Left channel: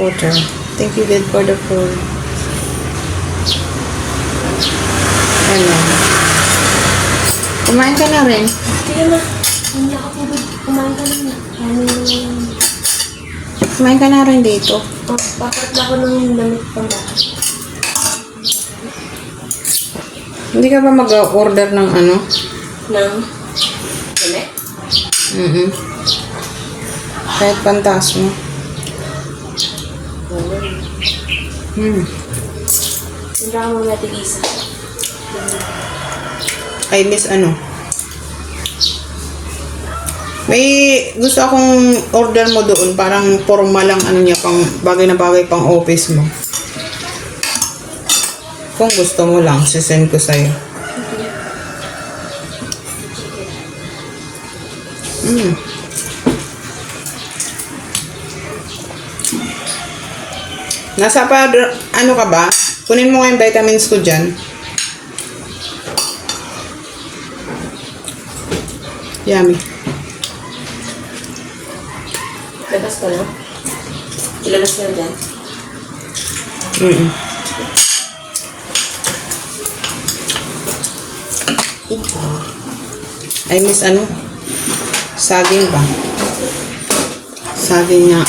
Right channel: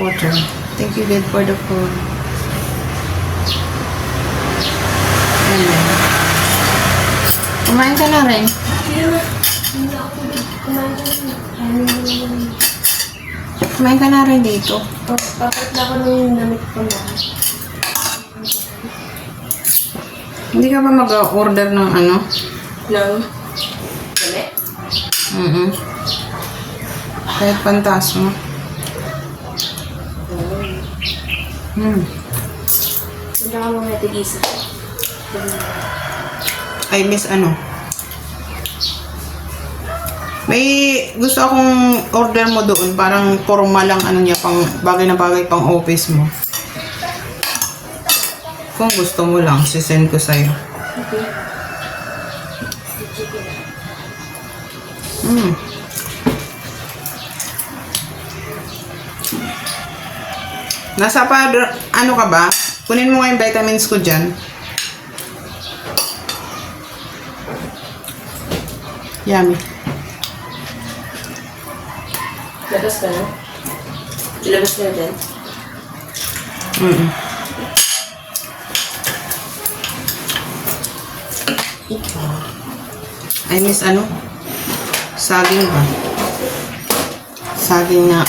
Water. Thank you, God, for the food. Ano? Kumain ka na rin. Hindi na. Hindi ako kumain ka na. Kumain ka na rin dito. Papat na ako ng damit pang bahay. Hindi ka ba mag-order ng ano? Ng damit? Kahit pantas mo. Hindi ako mga tigisa. Ay, miss ano? May gusto akong order mo doon. Parang formal lang ano niya. Pang bagay na bagay pang office mo. Kung gusto mo lang, sisend ko sa'yo. Okay. Nasa pa, ano ka ba? Kunin mo nga yung vitamins ko dyan. Yummy. Labas ka na? Ilabas ka na din? Ay, miss ano? Saging ba? Saging nga.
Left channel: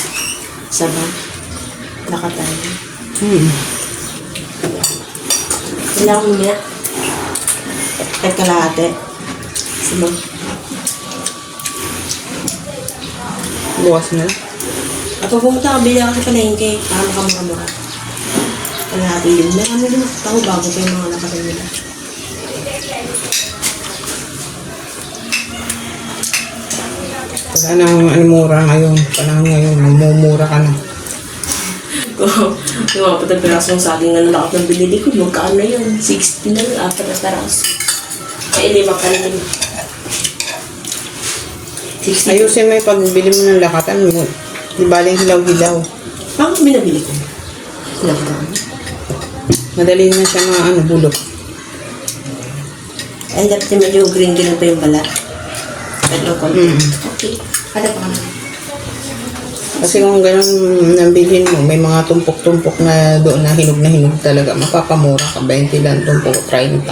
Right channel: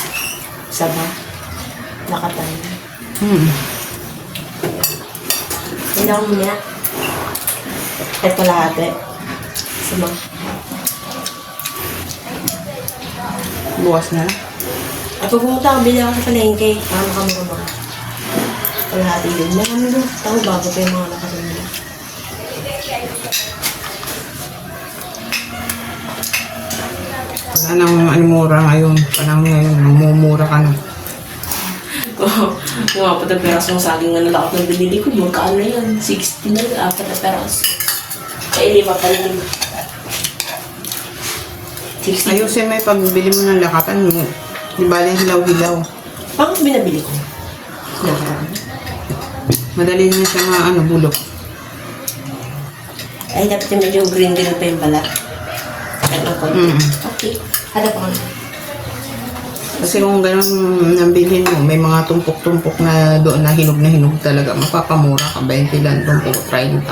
Sama. Nakatayo. Ilang mo na? Ay kalahati. Sama. Bukas na lang. At pupunta ako, bili ako sa palengke para makamura-mura. Kalahati yun. Nakami mo. Tama bago kayo mga nakatayo. Wala nang ano mura ngayon. Panahon ngayon, mamumura ka na. Yung mga patapirasong saging na nalakot na binili ko, magkano yun? 60 na lang, 4 na peraso. Eh, 5 pa rin. 60. Ayusin mo yung pagbili mo ng lakatan mo. Di ba lang hilaw-hilaw. Ang binabili ko. Lakatan. Madali na siya mga ano, bulok. Ay, dapat yung medyo green-green pa yung balat. Kahit ng konti. Okay. Halap ka na. Kasi kung ganun nabilhin mo, may mga tumpok-tumpok na doon na hinog talaga. Mapapamura ka, 20 lang tumpok, 30.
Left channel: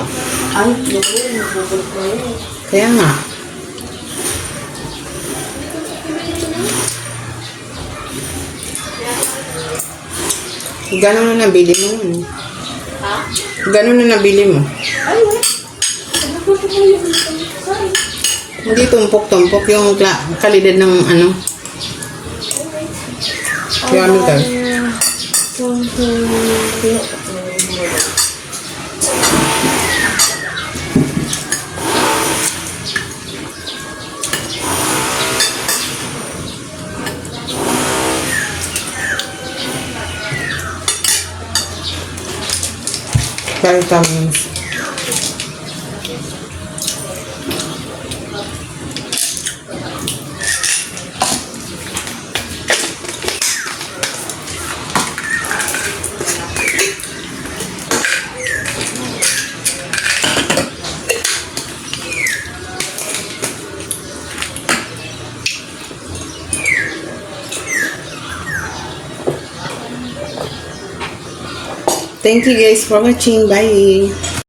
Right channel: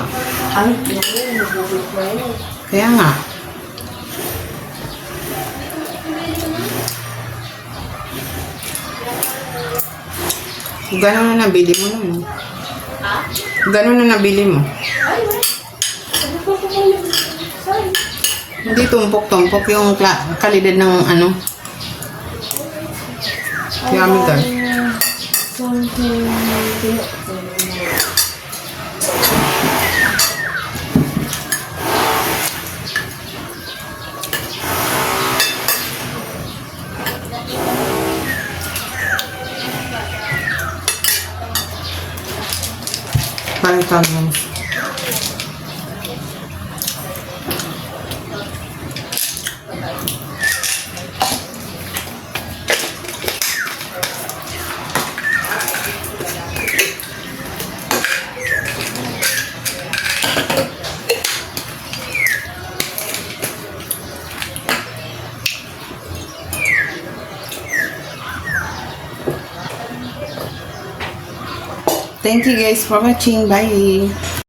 Ay, yun. Nabubulok na yun. Kaya nga. Ganun na nabili mo nun. Ha? Ganun na nabili mo. Ay, wala. Ano ba po yun? Sorry. Hindi tumpok-tumpok yung kalidad ng ano. Yummy ka. Vitamins. Thank you guys for watching. Bye.